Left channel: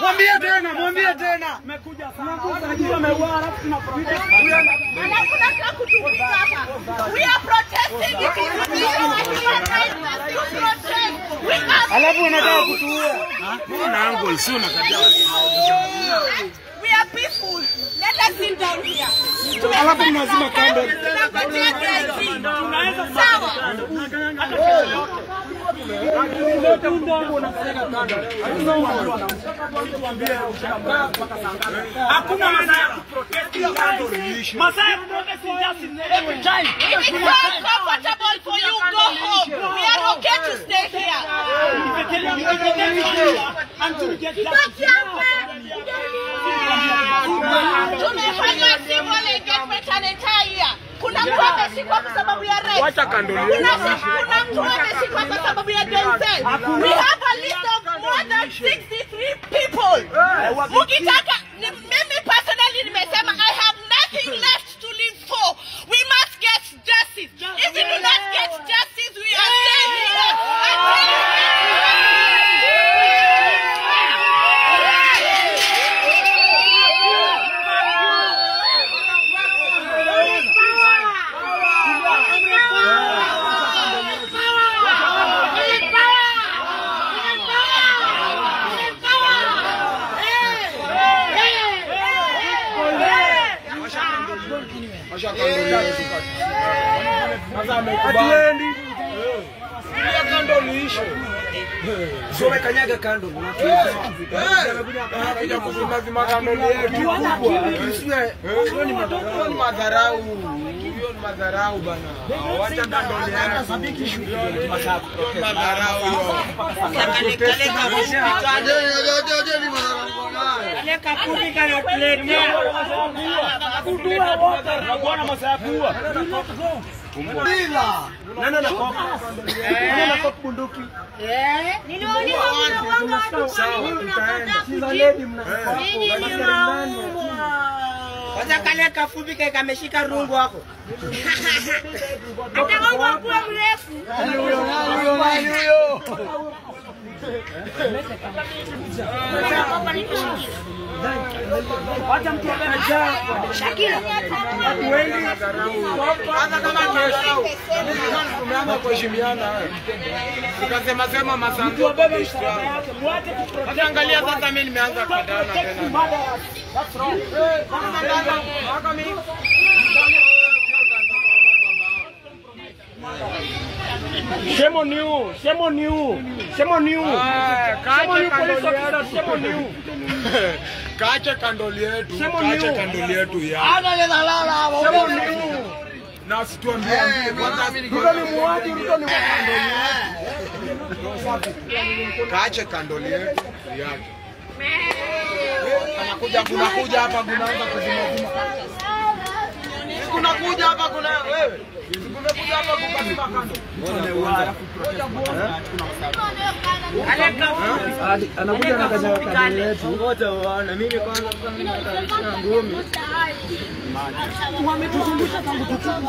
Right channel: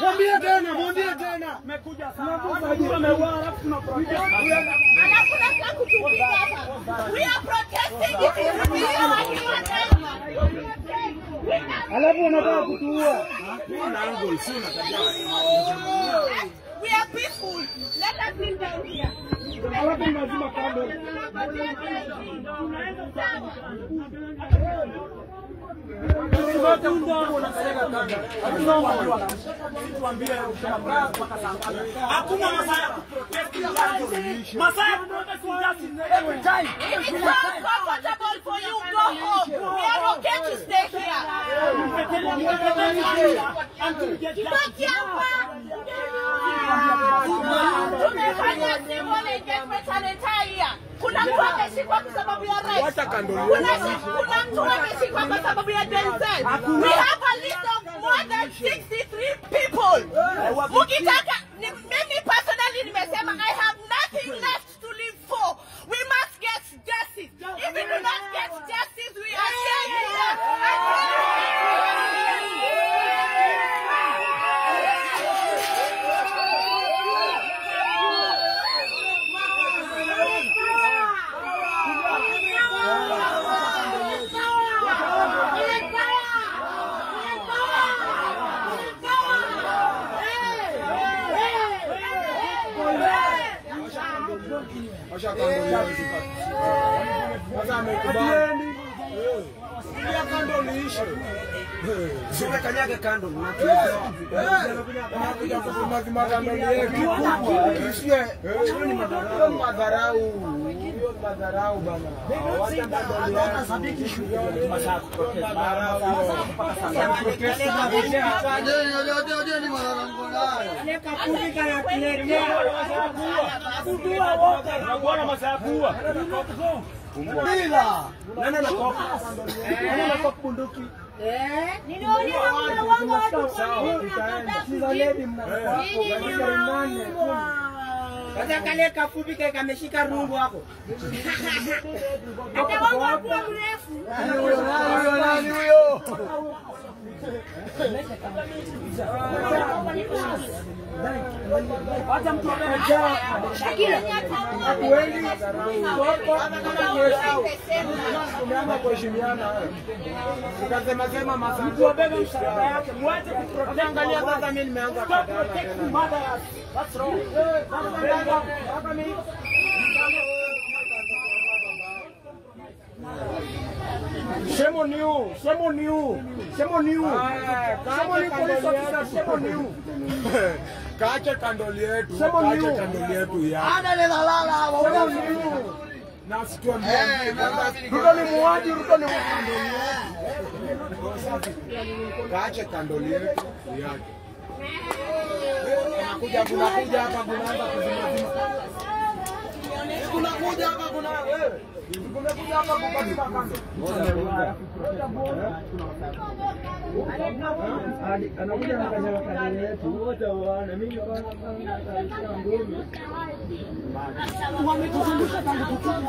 Mwambie tena. Mmekuja sana. Wameua alafu tuna protest. Anataka kutupiga hapa. We are protesting because we are human rights. Alafu anataka kutuua. Kuna angle sio kabisa. We are peaceful. Let us sit down here. Alafu mnazima kando. Sawa. Hakuna masaa ya kuprotest. Masaa ya kuprotest just every time. It's not comfortable for you. Go home. We are okay to stay here. Until we get Tumefanya civil engagement an entire year. Kuna mtu ameshikwa kwa sababu ya rape. Wacha kando. Kuna mtu ameshikwa kwa sababu ya Denzel. We have a list of more than 63 people. Mukitaka, mimi personally nimesema I have nothing left to live for. We must get justice. If we do not get justice, we are staying here until Sio kanyaga kando. Anakuja kuzima kando yetu kubwa. Hiyo ni madharau. Hiyo ni madharau bana. Wacha kando yetu. Sabiki shughuli masaa protest. Madharau. Ni madharau nayo. aleka kupika na tuletea. Kudua wote. Naona masaa kuwa. Bila. Nani anakopa? Nani anakopa bunduki? Niliona wanga sawa tutaenda. Sasa lady mnakopa. kwanza kale kafupi kile kameshika rungu wako. Hata wangu kwa mrefu. Nani huyo? Wacha mtu ameja. Shakila. Wengi kwanza kama kesho. Tumeanza kuheshimiana. Tukasema sema masaa. Mtu abebe msalaba yake. Muache kuprotect. Angalia sasa mimi nimeanza kadana tena. That's wrong. Shame on you. Shame on you. Shame on you. Shame on you, police officer. Shame on you. Kaache kandoli yetu. Shame on you. Kaache kandoli yetu ya. Ana le dalala hapo. Shame on you. Na situambie kwanza Ruto ni muaji, Ruto ni kandoli yetu. kaache kandoli yetu yake. Kunakuja hapa kunaanza kuzima. Kunakuja hapa kuna wewe. Kunakuja hapa kukazima kando. Anakuja na kanyaga yetu. Ngoja uone mimi kwanza nitaisha ngumi. Wametuzungusha tangu tuchukue.